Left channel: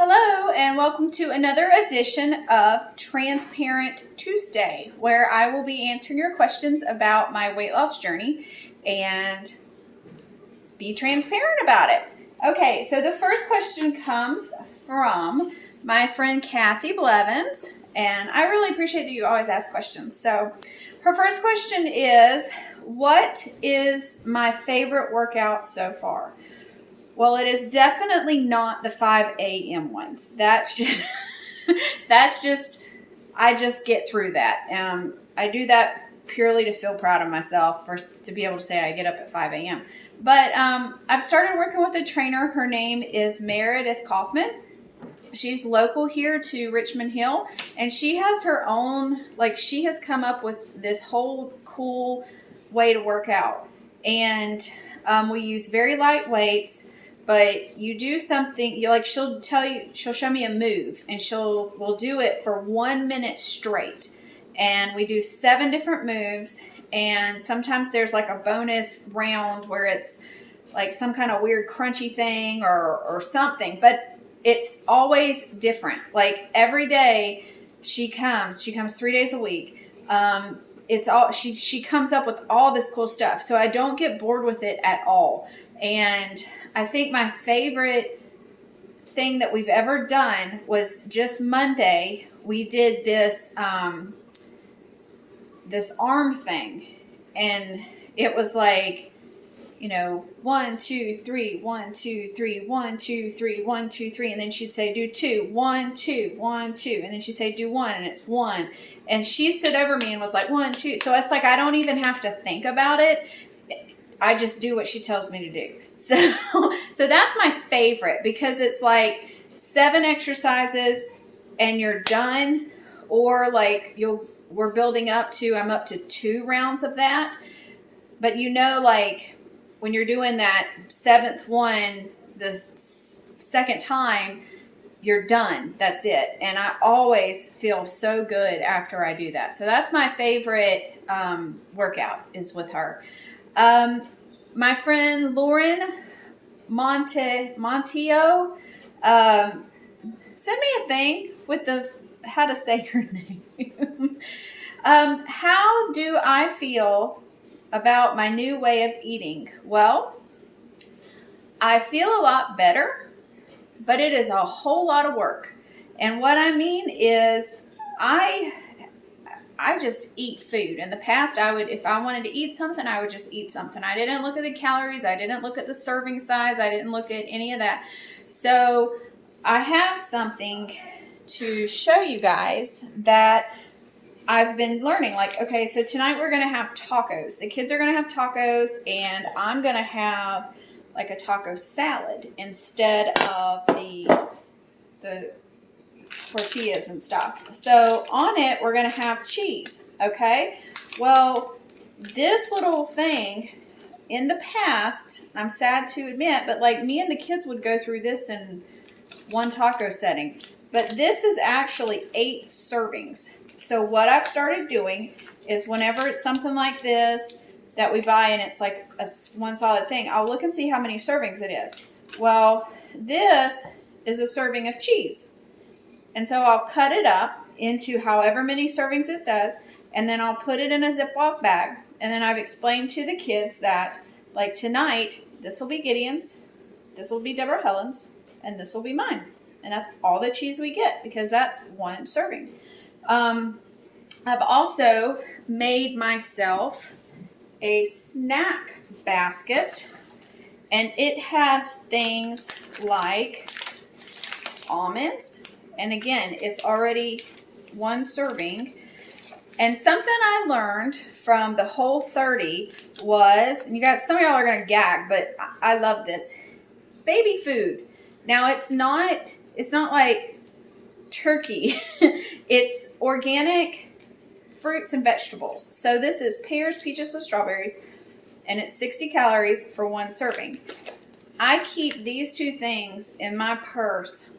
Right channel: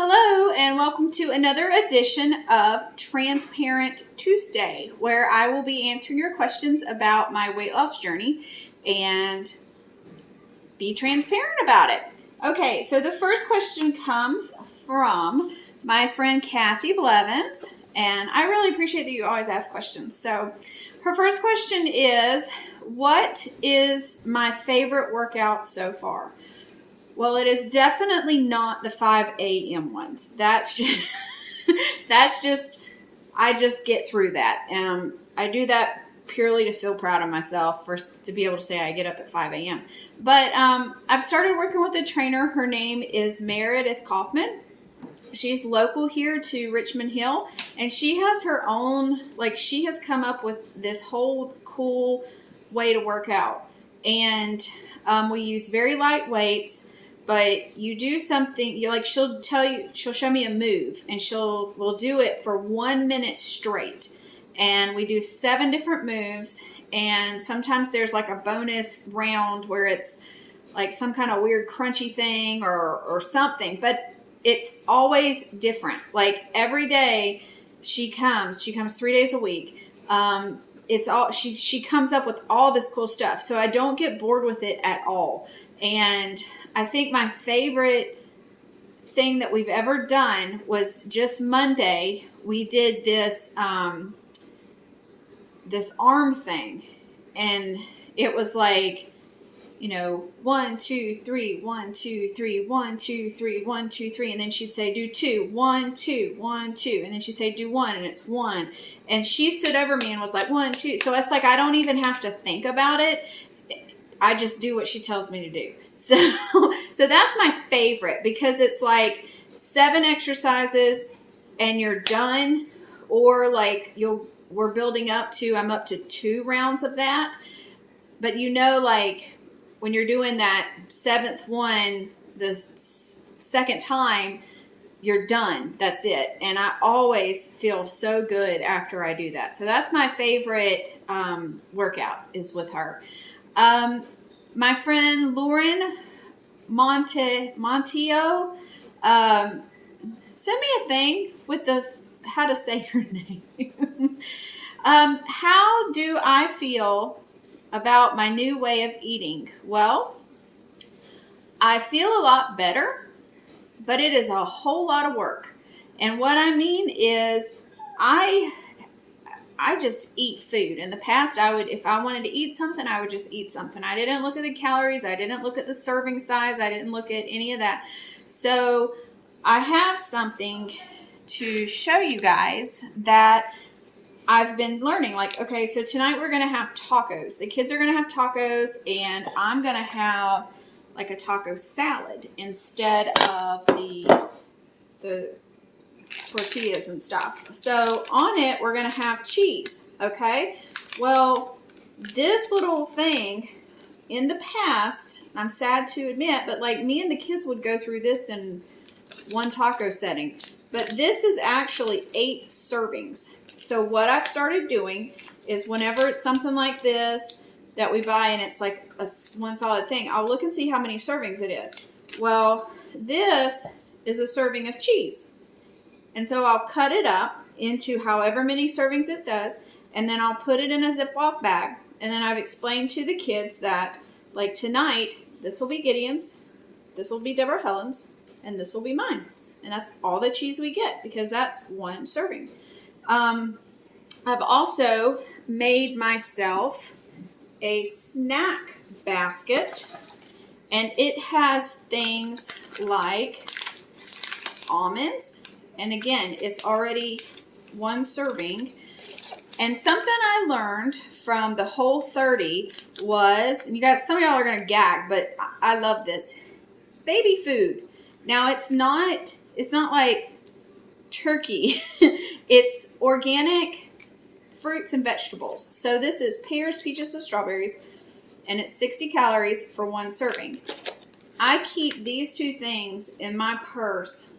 Hello, and welcome to another edition of Transparent Tuesday, where I will be answering your questions about my weight loss journey and be transparent about it. Okay, so the first question comes from my friend Kathy Blevins, and I really appreciate that you always ask questions. So her first question is, what is my favorite workout so far? Well, it is definitely not the 5 a.m. ones. That's just, I just get through that. I do that purely to feel proud of myself, to be able to say I get up at 5 a.m. But I've started working with a trainer. Her name is Meredith Kaufman. She's local here to Richmond Hill, and she has her own, she has come up with this whole cool way to work out. And we use very light weights. But you do something, she'll show me a move, and we'll do it for 1 minute straight. And we do 7 different moves, and sometimes there's like a bonus round where it's like some kind of weird crunchy thing or something, but it's always different. Like every day she comes 3 days a week. She comes up with all this cool stuff. So I don't get bored with it at all. And I think my favorite thing that we've ever done was just Monday. We did this this arm thing, and it was like, 1, 2, 3, 1, 2, 3, 1, 2, 3, 1, 2, 3, and then she'd say do 2, 1, 2, 1, 2, and then she'd say do 1, and it's 1, and she stood over me and was like 1, 2. So it's like I don't even have to think about it. I just do what she tells me to do. So that's my favorite, because it's like 7 exercises and you're done, or we're building up to, I'm up to 2 rounds of that. But when you're doing that 7th one, the second time, you're done. That's it. And I always feel so good after I do that. So that's my favorite workout, is with her. My friend Lauren Monteo sent me a thing with how to say your name. How do I feel about my new way of eating? Well, I feel a lot better, but it is a whole lot of work. And what I mean is I just eat food. In the past, if I wanted to eat something, I would just eat something. I didn't look at the calories. I didn't look at the serving size. I didn't look at any of that. So I have something to show you guys that I've been learning. Okay, so tonight we're going to have tacos. The kids are going to have tacos, and I'm going to have like a taco salad instead of the tortillas and stuff. So on it, we're going to have cheese. Okay. Well, this little thing in the past, I'm sad to admit, but me and the kids would go through this in one taco setting. But this is actually 8 servings. So what I've started doing is whenever it's something like this that we buy and it's like one solid thing, I'll look and see how many servings it is. Well, this is a serving of cheese. And so I'll cut it up into however many servings it says, and then I'll put it in a Ziploc bag. And then I've explained to the kids that, tonight, this will be Gideon's, this will be Deborah Helen's, and this will be mine. And that's all the cheese we get, because that's 1 serving. I've also made myself a snack basket, and it has things like almonds. And again, it's already 1 serving. And something I learned from the Whole30 was, and some of y'all are going to gag, but I love this, baby food. Now it's not like turkey. It's organic fruits and vegetables. So this is pears, peaches, and strawberries, and it's 60 calories for 1 serving. I keep these 2 things in my purse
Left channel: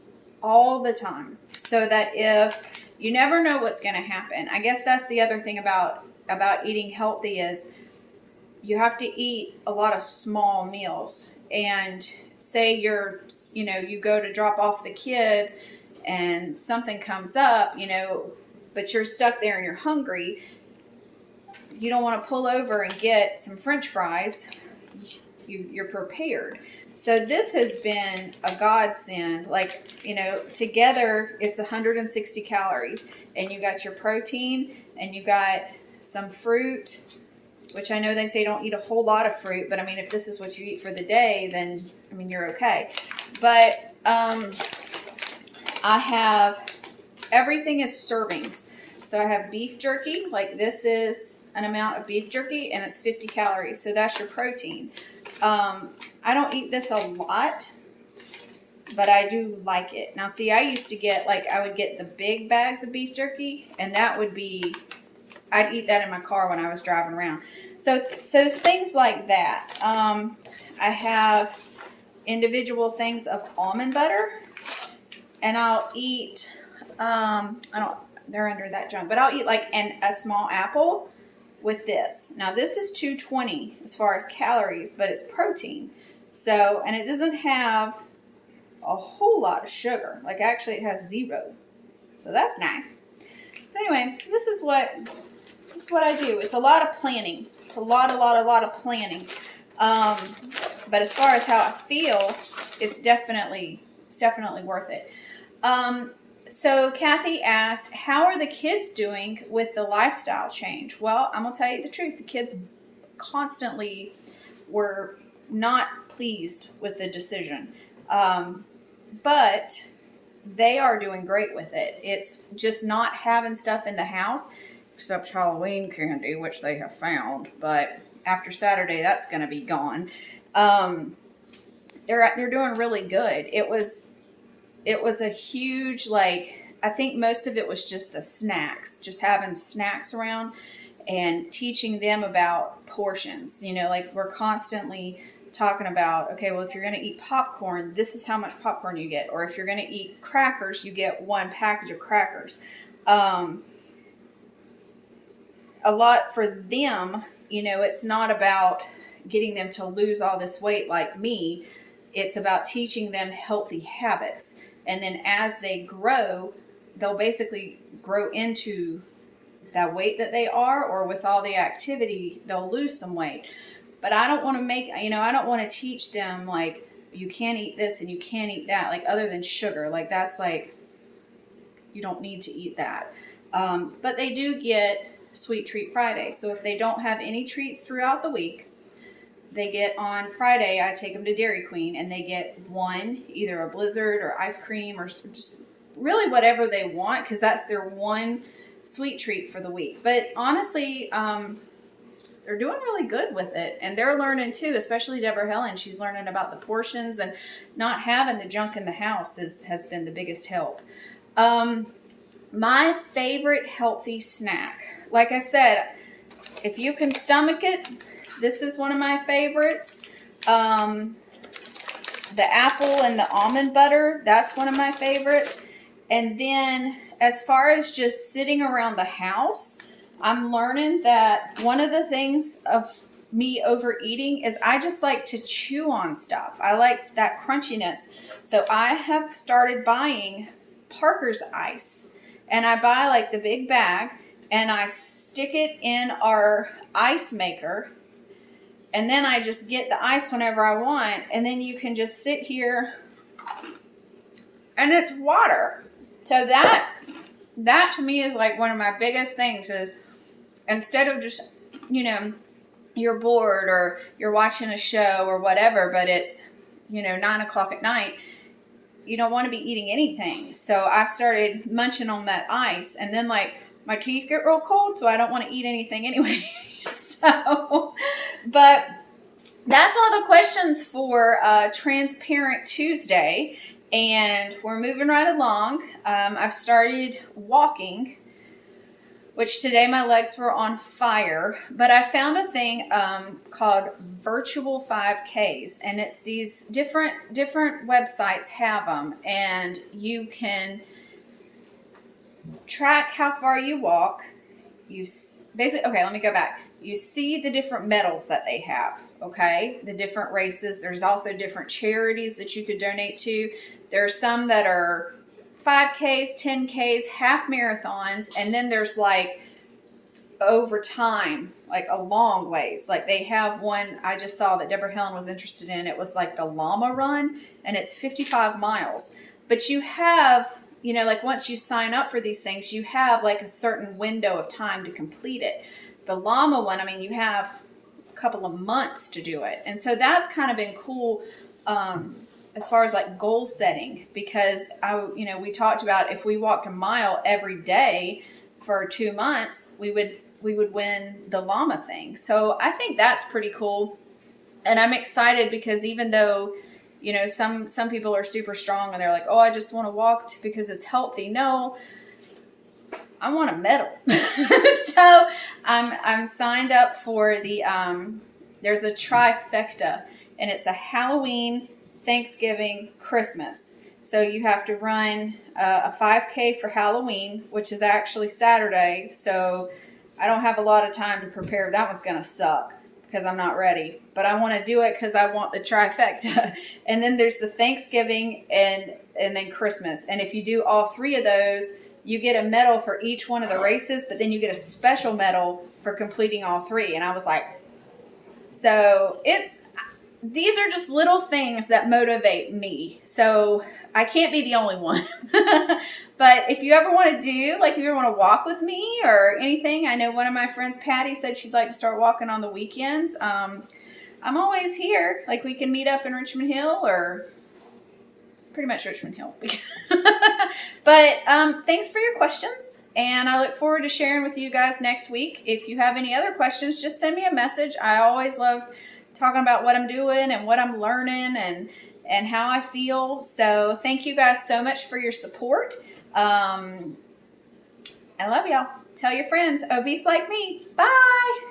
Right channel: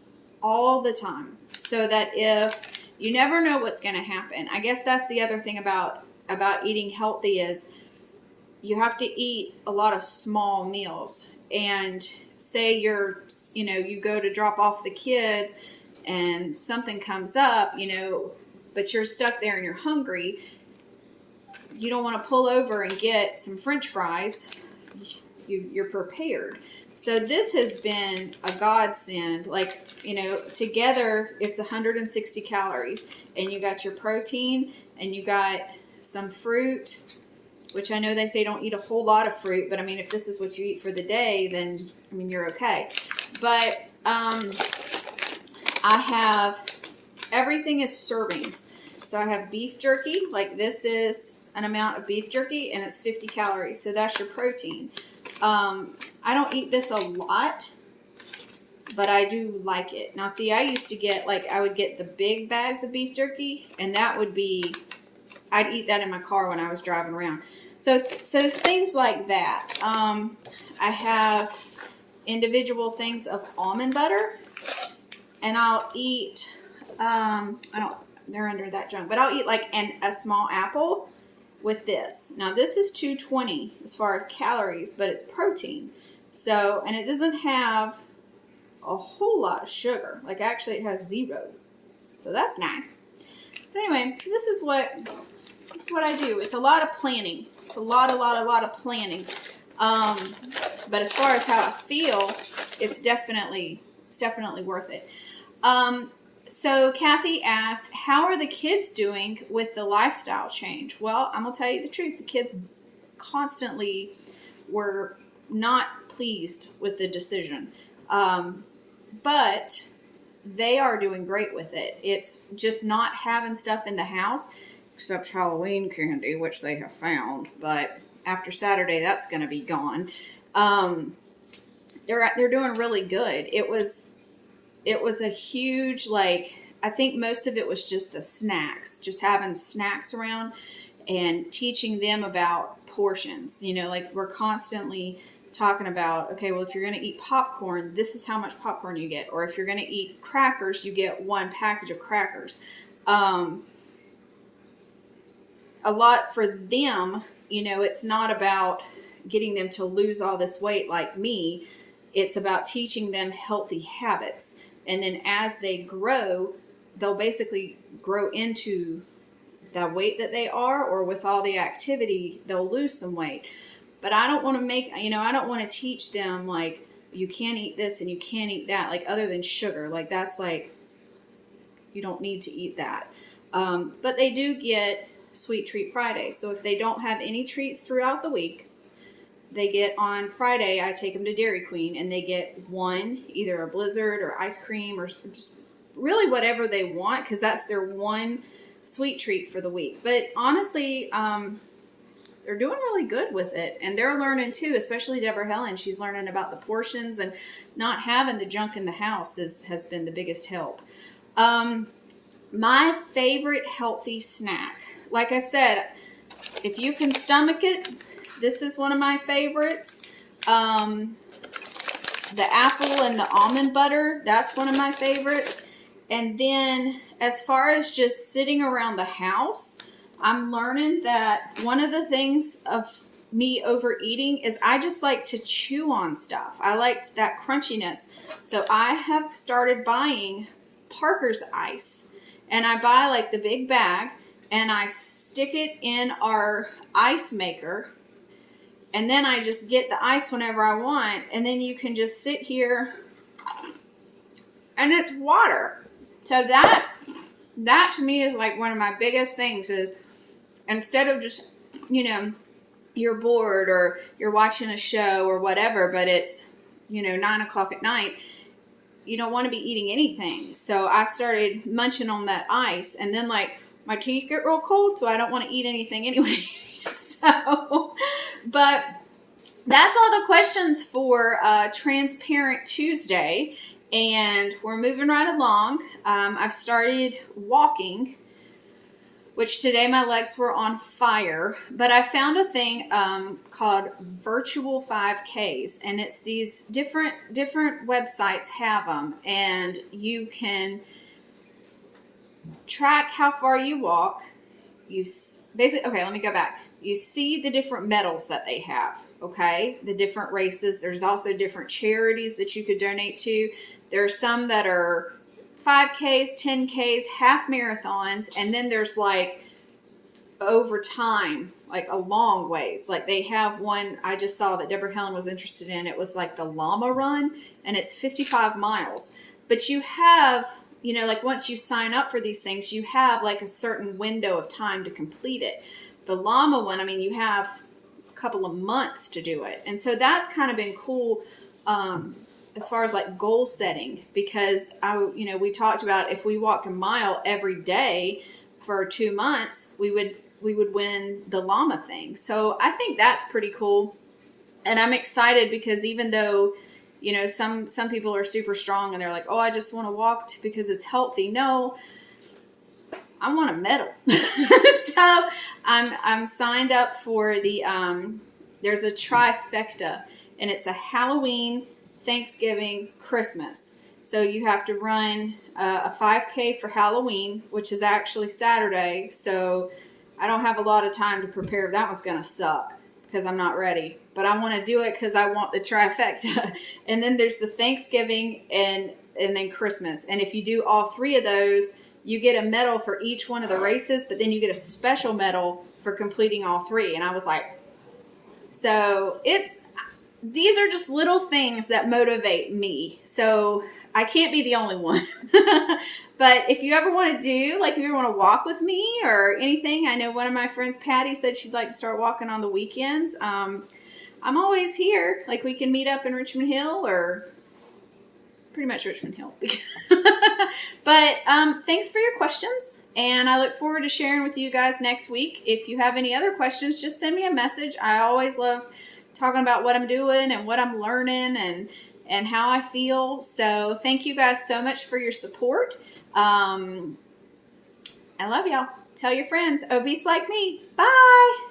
all the time, so that if you never know what's going to happen. I guess that's the other thing about eating healthy, is you have to eat a lot of small meals. And say you go to drop off the kids and something comes up, but you're stuck there and you're hungry, you don't want to pull over and get some French fries. You're prepared. So this has been a godsend. Like, together it's 160 calories, and you got your protein and you got some fruit, which I know they say don't eat a whole lot of fruit, but I mean, if this is what you eat for the day, then I mean, you're okay. But I have, everything is servings. So I have beef jerky, like this is an amount of beef jerky, and it's 50 calories. So that's your protein. I don't eat this a lot, but I do like it. Now, see, I used to get, I would get the big bags of beef jerky, and that would be, I'd eat that in my car when I was driving around. So things like that. I have individual things of almond butter, and I'll eat, they're under that junk, but I'll eat a small apple with this. Now this is 220 as far as calories, but it's protein. So, and it doesn't have a whole lot of sugar. Like, actually it has 0. So that's nice. So anyway, so this is what I do. It's a lot of planning. It's a lot of planning. But as far as how I feel, it's definitely worth it. So Kathy asked, how are the kids doing with the lifestyle change? Well, I'm going to tell you the truth. The kids constantly were not pleased with the decision. But they are doing great with it. It's just not having stuff in the house, except Halloween candy, which they have found. But after Saturday, that's going to be gone. They're doing really good. It was a huge, I think most of it was just the snacks, just having snacks around and teaching them about portions. We're constantly talking about, okay, well, if you're going to eat popcorn, this is how much popcorn you get. Or if you're going to eat crackers, you get 1 package of crackers. A lot for them, it's not about getting them to lose all this weight like me. It's about teaching them healthy habits. And then as they grow, they'll basically grow into the weight that they are, or with all the activity, they'll lose some weight. But I don't want to I don't want to teach them, you can't eat this and you can't eat that, other than sugar. That's you don't need to eat that. But they do get Sweet Treat Friday. So if they don't have any treats throughout the week, they get on Friday, I take them to Dairy Queen, and they get one, either a Blizzard or ice cream or just really whatever they want, because that's their one sweet treat for the week. But honestly, they're doing really good with it, and they're learning too, especially Deborah Helen. She's learning about the portions, and not having the junk in the house has been the biggest help. My favorite healthy snack, like I said, if you can stomach it, this is one of my favorites. The apple and the almond butter, that's one of my favorites. And then as far as just sitting around the house, I'm learning that one of the things of me overeating is I just like to chew on stuff. I liked that crunchiness. So I have started buying Parker's ice. And I buy the big bag, and I stick it in our ice maker. And then I just get the ice whenever I want. And then you can just sit here, and it's water. So that to me is one of my biggest things, is instead of just, you're bored or you're watching a show or whatever, but it's, 9 o'clock at night, you don't want to be eating anything. So I started munching on that ice, and then my teeth get real cold, so I don't want to eat anything anyway. So, but that's all the questions for Transparent Tuesday, and we're moving right along. I've started walking, which today my legs were on fire, but I found a thing called virtual 5Ks, and it's these different websites have them, and you can track how far you walk. Okay, let me go back. You see the different medals that they have. okay? The different races. There's also different charities that you could donate to. There are some that are 5Ks, 10Ks, half marathons, and then there's like over time, like a long ways. Like they have one I just saw that Deborah Helen was interested in. It was like the llama run, and it's 55 miles. But you have, you know, like once you sign up for these things, you have like a certain window of time to complete it. The llama one, I mean, you have a couple of months to do it. And so that's kind of been cool, as far as like goal setting, because we talked about if we walked a mile every day for 2 months, we would win the llama thing. So I think that's pretty cool. And I'm excited because even though, you know, some people are super strong and they're like, oh, I just want to walk because it's healthy. No, I want a medal. So I'm signed up for the, there's a trifecta, and it's a Halloween, Thanksgiving, Christmas. So you have to run a 5K for Halloween, which is actually Saturday. So I don't have a lot of time to prepare. That one's going to suck because I'm not ready. But I want to do it because I want the trifecta. And then there's the Thanksgiving and then Christmas. And if you do all three of those, you get a medal for each one of the races, but then you get a special medal for completing all three. And I was like, so these are just little things that motivate me. So I can't be the only one. But if you ever want to if you ever want to walk with me or anything, I know one of my friends, Patty, said she'd like to start walking on the weekends. I'm always here. Like we can meet up in Richmond Hill or pretty much Richmond Hill. But thanks for your questions. And I look forward to sharing with you guys next week. If you have any other questions, just send me a message. I always love talking about what I'm doing and what I'm learning and how I feel. So thank you guys so much for your support. I love y'all. Tell your friends, obese like me. Bye.